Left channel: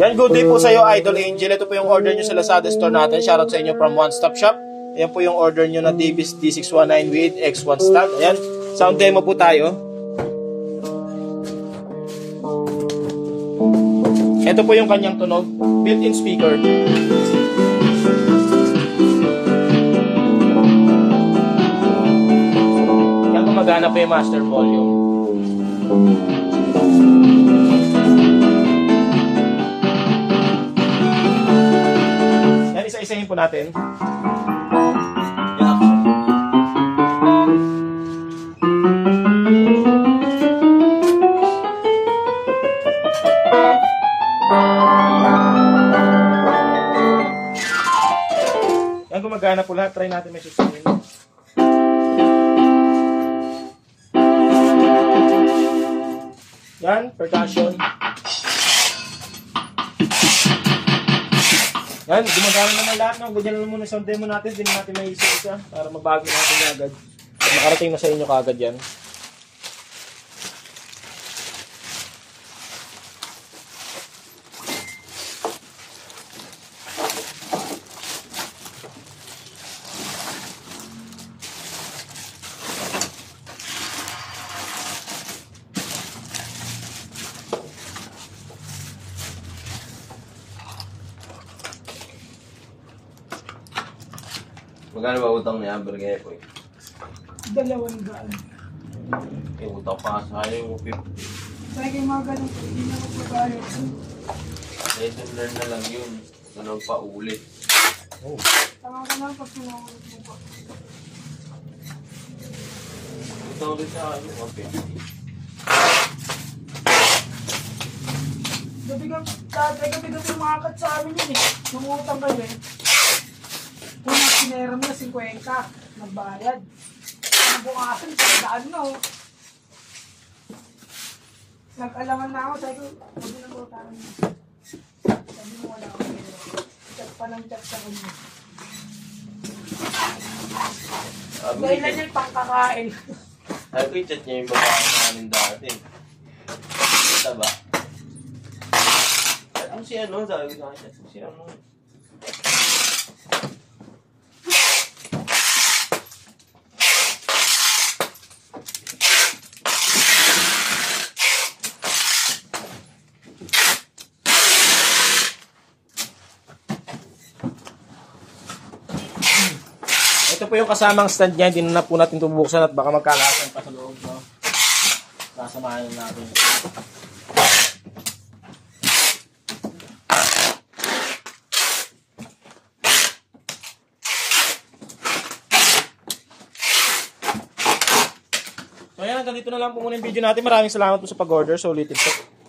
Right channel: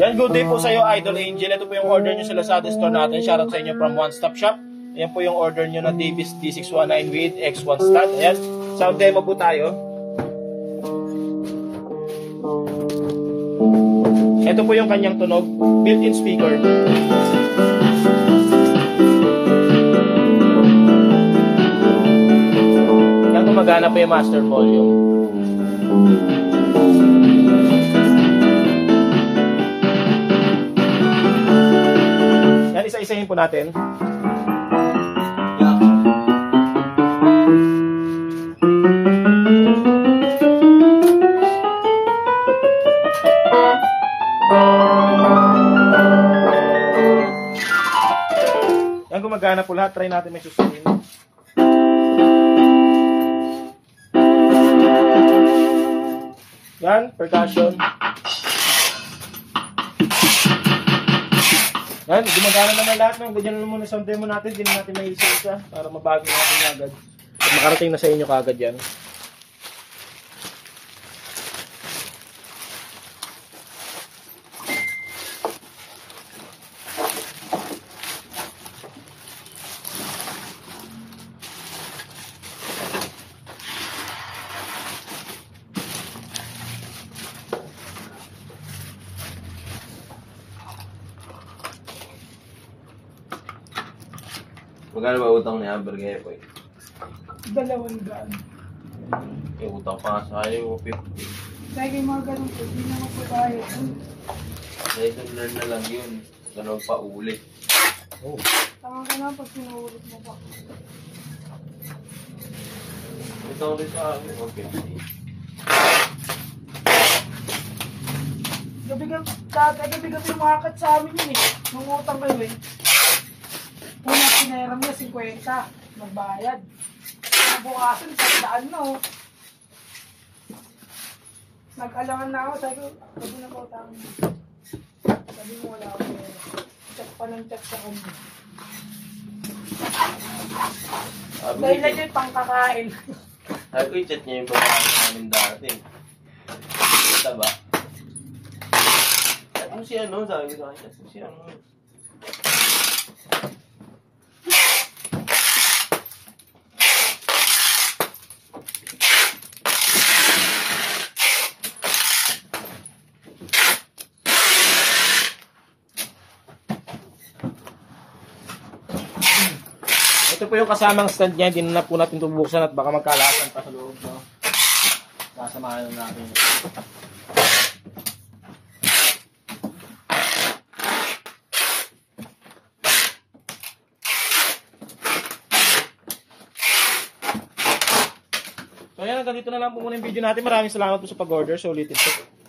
Yan, good day po sa iyo, Idol Angel. Ito po yung order nyo sa Lazada store natin. Shoutout sa inyo from One Stop Shop. Ayan po yung order nyo na Davis D619 with X1 stand. Ayan, sound demo po tayo. Ito po yung kanyang tunog, built-in speaker. Yan, gumagana po yung master volume. Yan, isa-isahin po natin. Yan, gumagana po lahat. Try natin may susunod. Yan, percussion. Yan, gumagana naman lahat. No? Ganyan lang muna sound demo natin. Hindi natin may isa-isa para mabago natin agad. At makarating na sa inyo kagad yan. Magkano ba utang ni Amber ngayon po? 200. Utang pa sa kayo, 50. Dahil yung mga ganun po, hindi na magkakayo. Lesson learn na lang yun. Ganun pa uli. Oh. Tama ka na pag sinawurot mo pa. Ito ulit sa akin, 50. Gabi-gabi umakat sa amin yun eh. Nung utang kami. Una pinayaram niya 50. Nagbayad. Ang bukasan, 100 no. Nag-alangan na ako. Sabi ko, huwag na lang utang. Sabi mo wala ako. Chat pa ng chat sa kanya. Dahil lang yan pang kakain. Sabi ko, i-chat niya yung babae namin dati. Kita ba? Ano si ano? Sabi ko sa akin, ano si ano? Ito po yung kasamang stand niya. Hindi na po natin tubuksan at baka magkalasan pa sa loob. No? Sasamahan natin. So ayan, hanggang dito na lang po muna yung video natin. Maraming salamat po sa pag-order. So ulitin po.